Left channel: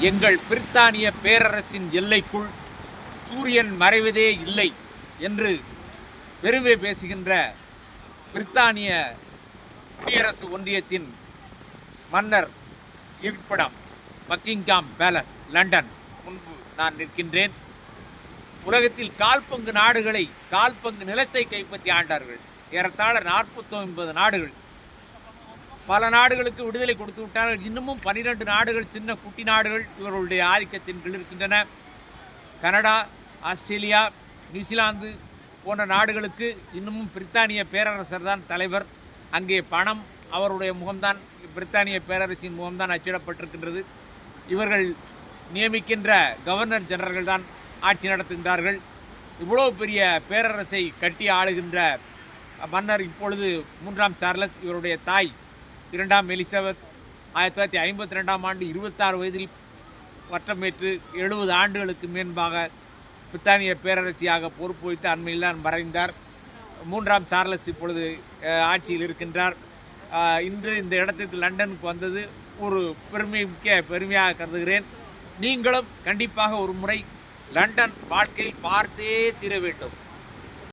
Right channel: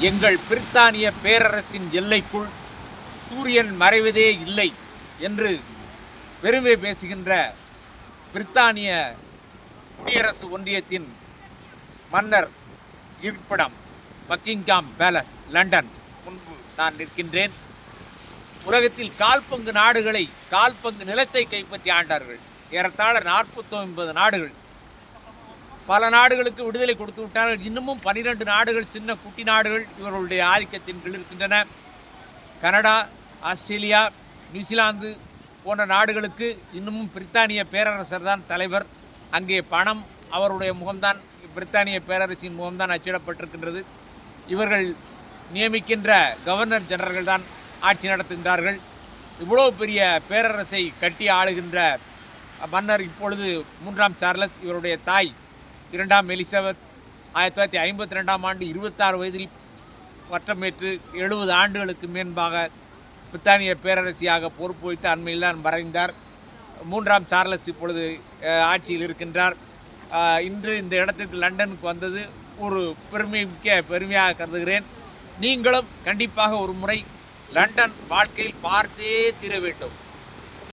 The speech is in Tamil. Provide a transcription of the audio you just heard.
எங்கள் பிரித்தானிய பேரரசின் எல்லைக்குள் சூரியன் மறைவதே இல்லை என்று பெருமை பேசுகின்ற பிரித்தானிய குடியரசு ஒன்றியத்தின் மன்னர் இருப்பிடம் பக்கிங்காம் பேலஸ் லண்டன். முன்பு நான் நிற்கின்றேன். உலகத்தில் கால்பங்கு நாடுகளை கால்பங்கு நிலத்தை கைப்பற்றி ஆண்டார்கள். ஏறத்தாழ நாற்பத்தி ஒன்பது நாடுகள். பல நாடுகளுக்கு விடுதலை கொடுத்து விட்டார்கள். இன்னமும் பனிரெண்டு நாடுகள் சின்ன குட்டி நாடுகள் இவர்களுடைய ஆதிக்கத்தின் கீழ் இருக்கின்றன. கனடா ஆஸ்திரேலியா நியூசிலாந்து போன்ற நாடுகளுக்கு இன்னமும் பிரித்தானிய பேரரசர் தான் தலைவர். அங்கே பணம் அவருடைய முகம்தான் பிரித்தானிய பேரரசின் முகம்தான் அச்சிடப்பட்டிருக்கின்றது. இவர்கள் நியமிக்கின்ற கவர்னர் ஜெனரல்கள் தான் ஆட்சி நடத்துகின்றார்கள். இவ்வளோ பெரிய பேரரசை கட்டி ஆளுகின்ற மன்னர் இப்பொழுது மூன்றாம் சார்லஸ் இவருடைய தாய். இரண்டாம் எலிசபெத் ஆயிரத்தி தொள்ளாயிரத்தி ஐம்பத்தி ரெண்டாம் ஆண்டு இருபத்தாறு வயதில் பட்டமேற்று எழுபது ஆண்டுகளுக்கு மேன்பாக பிரித்தானிய பேரரசியாக பொறுப்பு வைத்து அண்மையில் தான் மறைந்தார். மூன்றாம் சார்லஸ் இப்பொழுது ஆட்சியில் இருக்கின்றார். இன்று இந்த இடத்திற்கு லண்டனுக்கு வந்தது ஒரு பெருமைமிக்க பெருமையாக கருதுகிறேன். நீங்களும் கண்டிப்பாக ஒரு முறை லண்டன் வாழ்க்கையில் பார்த்தே தீர வேண்டும்.